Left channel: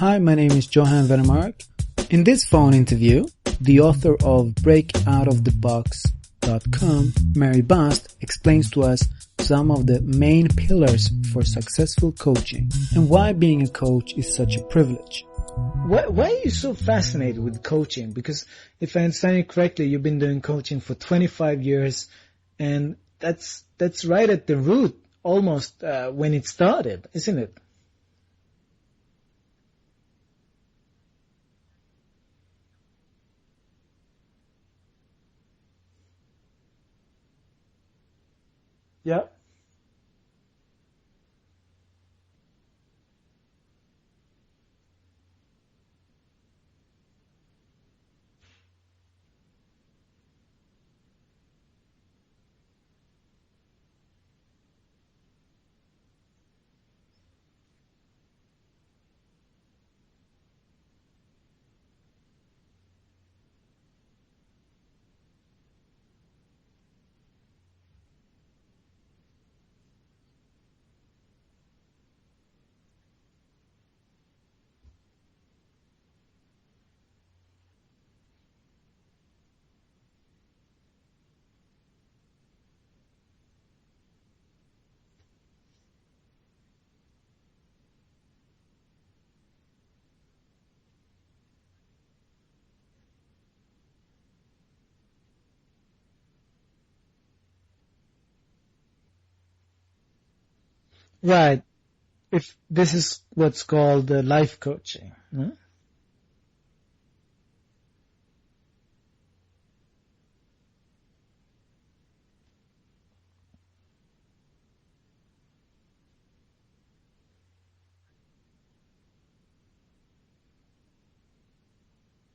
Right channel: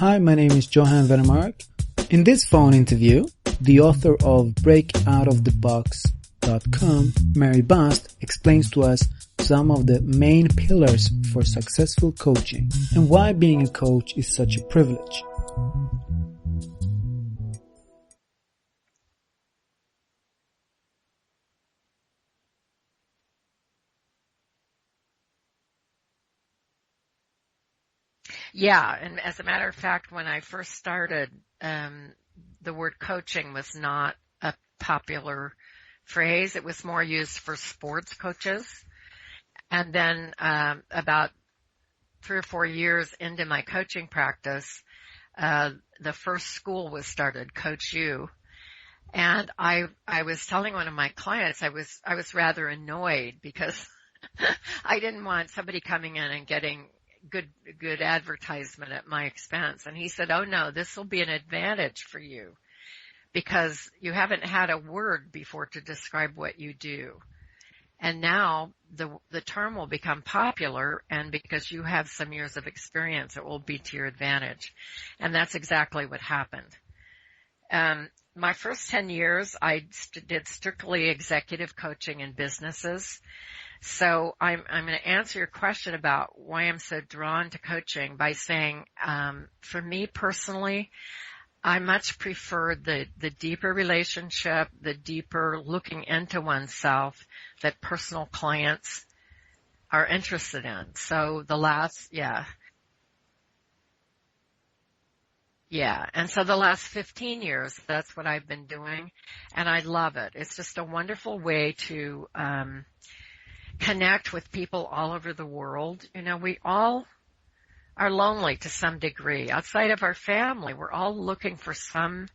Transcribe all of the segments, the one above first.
Hi, my name is Johan. In this phone interview, the author of BreakOutOfTheBox.com, Mary Bast, explains to us some of the main pillars for successful coaching and why being a coach is such a privilege. Why are you so fascinated with coaching? Because if I understand you correctly, you've been doing coaching for 25 years, and that's right at the root almost when it started, isn't it? Yeah, and as a matter of fact, when I first started, the word coaching was not a popular phrase. It was more used for sports coaches. Yeah. And then about 3 or 4 years into my coaching practice, the first school was started, Coach U. And I was telling one of my clients, I was rather annoyed because I didn't want somebody coming in and getting good advertisement at my expense. And he said, "Oh no, this will be an advantage for you because you haven't had a word before to describe what you do. And now the term will become popular, and because you have some years of experience, it will be to your advantage." And that's exactly what happened. My first 10 years, I did strictly executive coaching in businesses. So I'm going to answer your question about why I'm so drawn to coaching by saying, for me personally, I much prefer the deeper relationship, the deeper looking into oneself that personal clients are interested in. So right. This is what's called life coaching. Huh? Yeah. And so the last 15 years, that's what I've been doing. And I love it. It's just a wonderful way to, connect with people all over the world. You know, we all are lonely to some degree. Outside of our family, we're all looking for some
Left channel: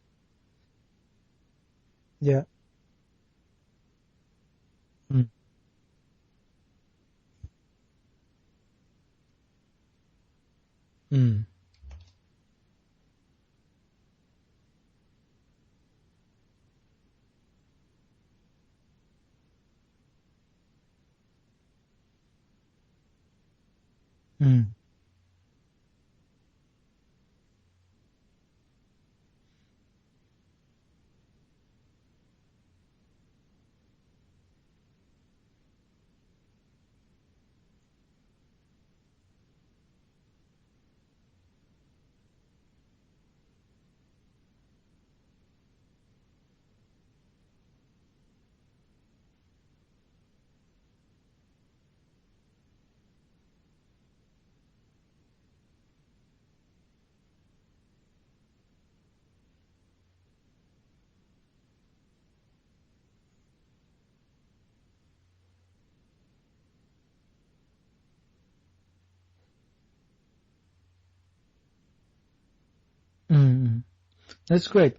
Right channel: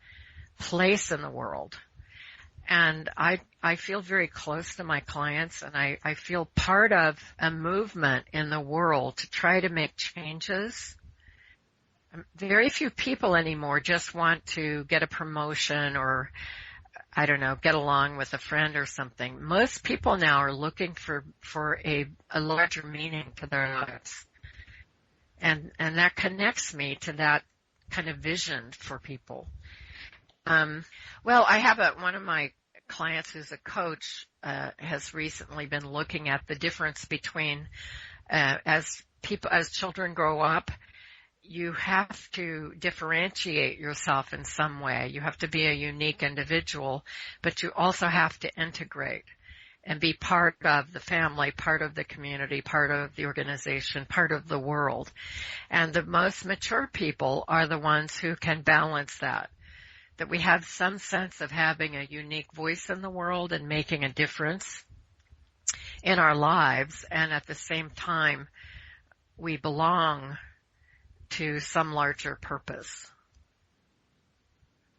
place in the world. Yeah. And I feel very close to my clients, and I feel part of a movement in the world to try to make changes. Very few people anymore just want to get a promotion or, I don't know, get along with a friend or something. Most people now are looking for a larger meaning to their lives. And that connects me to that kind of vision for people. Well, I have one of my clients who's a coach, has recently been looking at the difference between, as children grow up, you have to differentiate yourself in some way. You have to be a unique individual, but you also have to integrate and be part of the family, part of the community, part of the organization, part of the world. And the most mature people are the ones who can balance that we have some sense of having a unique voice in the world and making a difference in our lives, and at the same time, we belong to some larger purpose. That's great.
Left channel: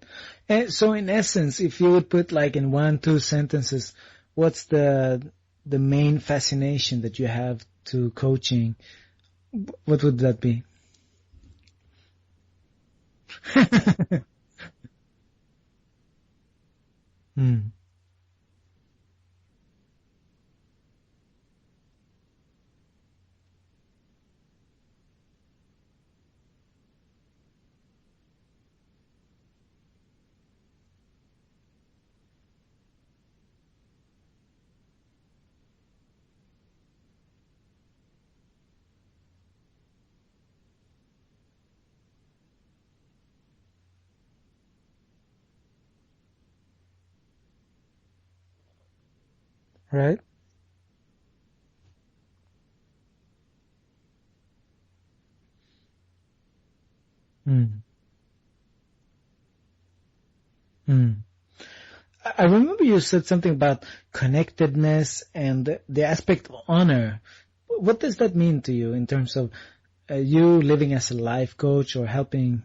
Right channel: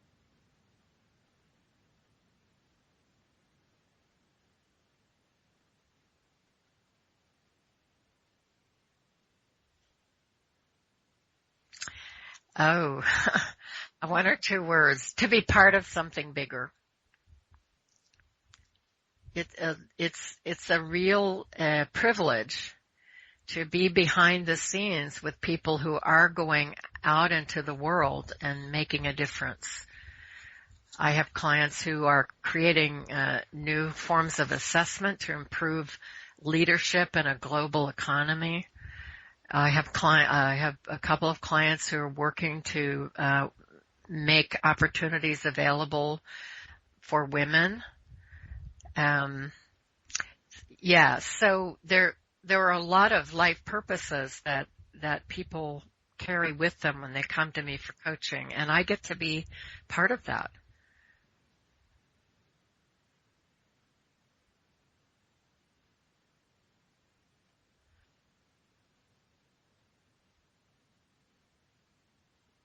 And so in essence, if you would put like in 1-2 sentences, what's the main fascination that you have to coaching? What would that be? Oh, 1 or 2 words. To be part of something bigger. It's a real privilege to be behind the scenes with people who are going out into the world and making a difference. I have clients who are creating new forms of assessment to improve leadership in a global economy. I have a couple of clients who are working to make opportunities available for women. Right. Yeah, so there are a lot of life purposes that people carry with them when they come to me for coaching, and I get to be part of that. I remember you said something about connectedness and the aspect of honor. What does that mean to you in terms of you living as a life coach or helping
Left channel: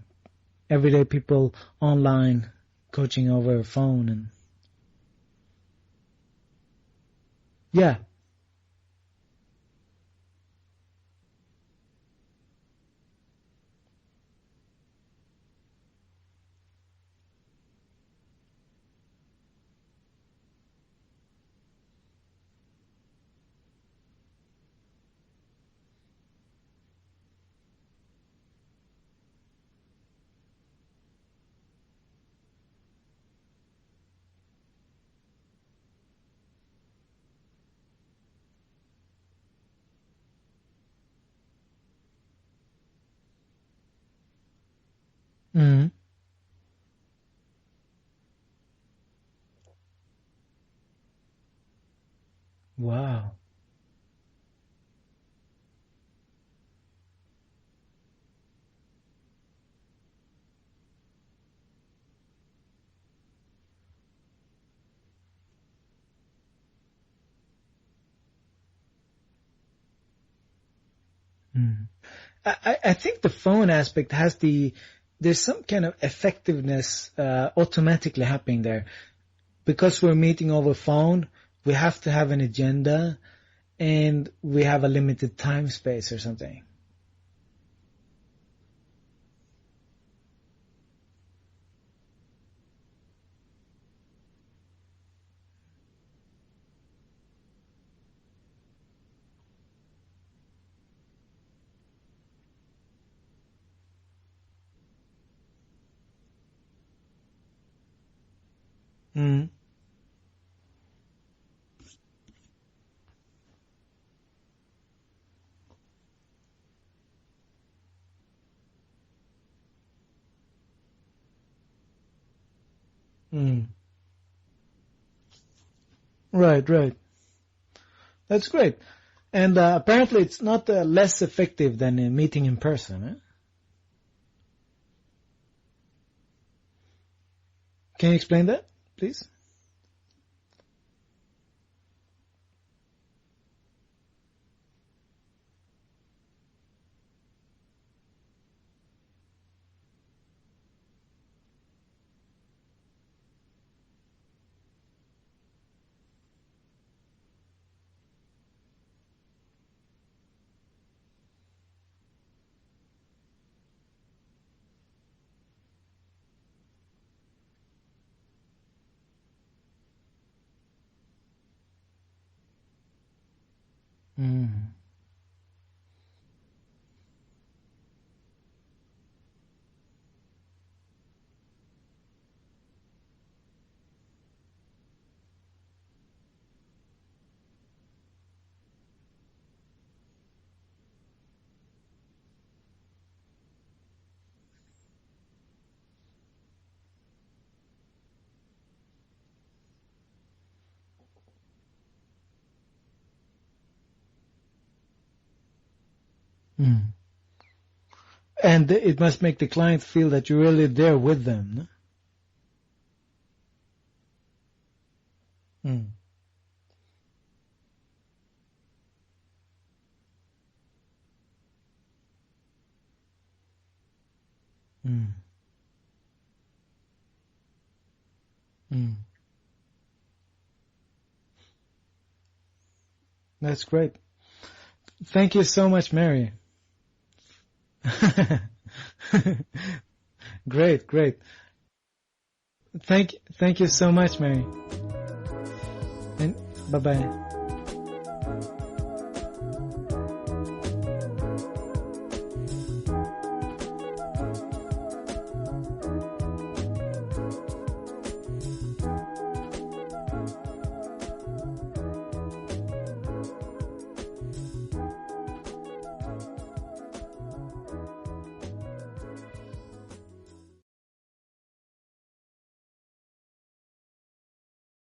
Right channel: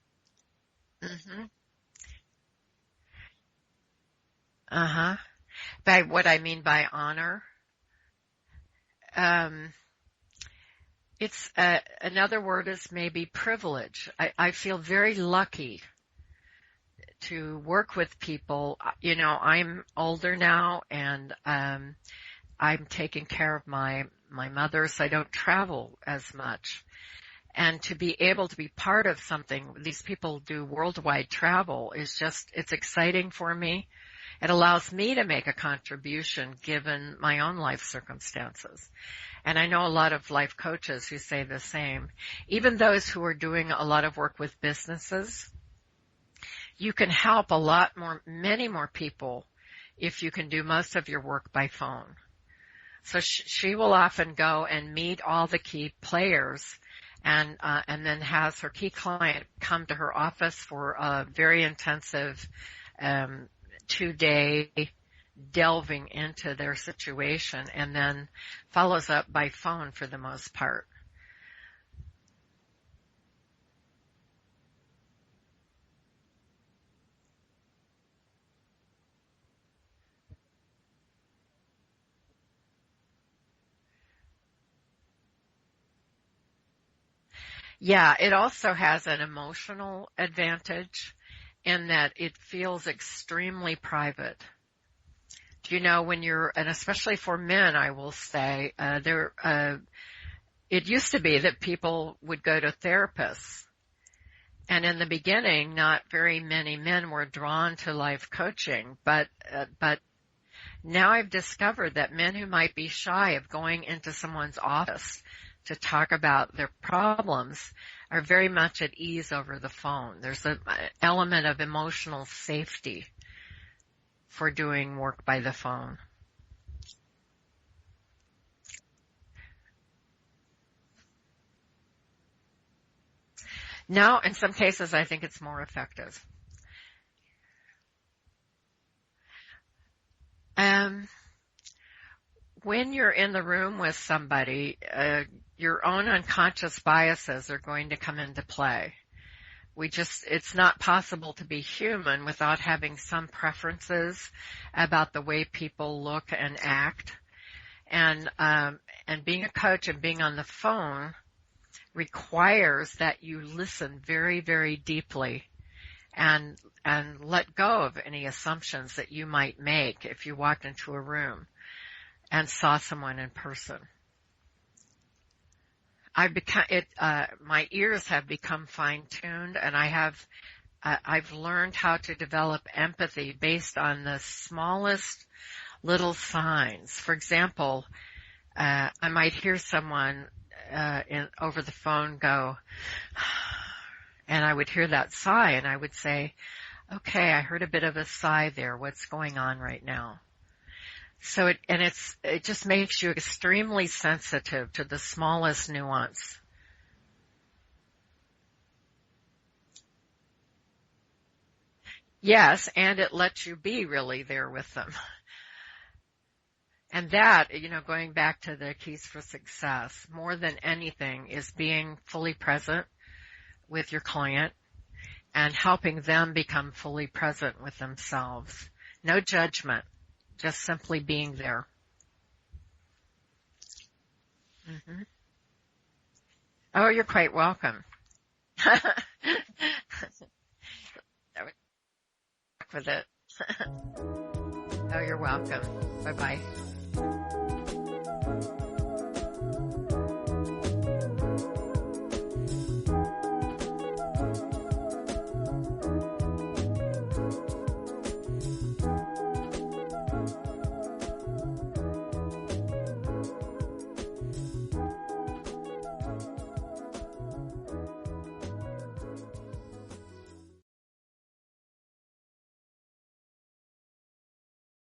everyday people online, coaching over a phone? By what I mean by honor? Yeah. It's another word is maybe privilege. I feel very lucky to work with people. You know, I'm older now, and I'm taking care of my mother, so I don't travel as much. And to be able to be part of something, these people do worldwide travel, is just, it's exciting for me. It allows me to make a contribution given my own life circumstances. And I know a lot of life coaches who say the same. Even those who are doing a lot of work with businesses, you can help many more people if you can do most of your work by phone. Wow. So she will often go and meet all the key players and then has her key client come to her office for a very intensive 2-day delving into their situation, and then follows up by phone for the most part. I think the phone aspect there's some kind of effectiveness automatically happening there. Because we're meeting over phone, we have to have an agenda, and we have a limited time space or something. Yeah, it also has an emotional advantage in that it feels extremely private. You know, when and especially for men, I will say, it used to be that people would go to therapists. And in the beginning, not very many men were drawn to life coaching, but now I've discovered that men who might be shy of going into someone's office to talk about their problems are very much at ease over the phone. There's an element of emotional safety for doing work by the phone. Right. That's great. And apparently it's not less effective than a meeting in person, eh? No, in some cases I think it's more effective. Can you explain that, please? When you're in the room with somebody, your own unconscious biases are going to come into play. It's not possible to be human without having some preferences about the way people look and act. And being a coach and being on the phone requires that you listen very, very deeply and let go of any assumptions that you might make if you walked into a room and saw someone in person. My ears have become fine-tuned, and I've learned how to develop empathy based on the smallest little signs. For example, I might hear someone over the phone go, and I would hear that sigh, and I would say, okay, I heard a bit of a sigh there. What's going on right now? So it just makes you extremely sensitive to the smallest nuance. And it must make the client feel that you're really there with them. Yes, and it lets you be really there with them. And that, going back to the keys for success, more than anything, is being fully present with your client and helping them become fully present with themselves. No judgment, just simply being there. That's great. Thank you so much, Mary. Oh, you're quite welcome. Great. Thank you so much, Mary. Oh, you're welcome. Bye-bye. Bye-bye.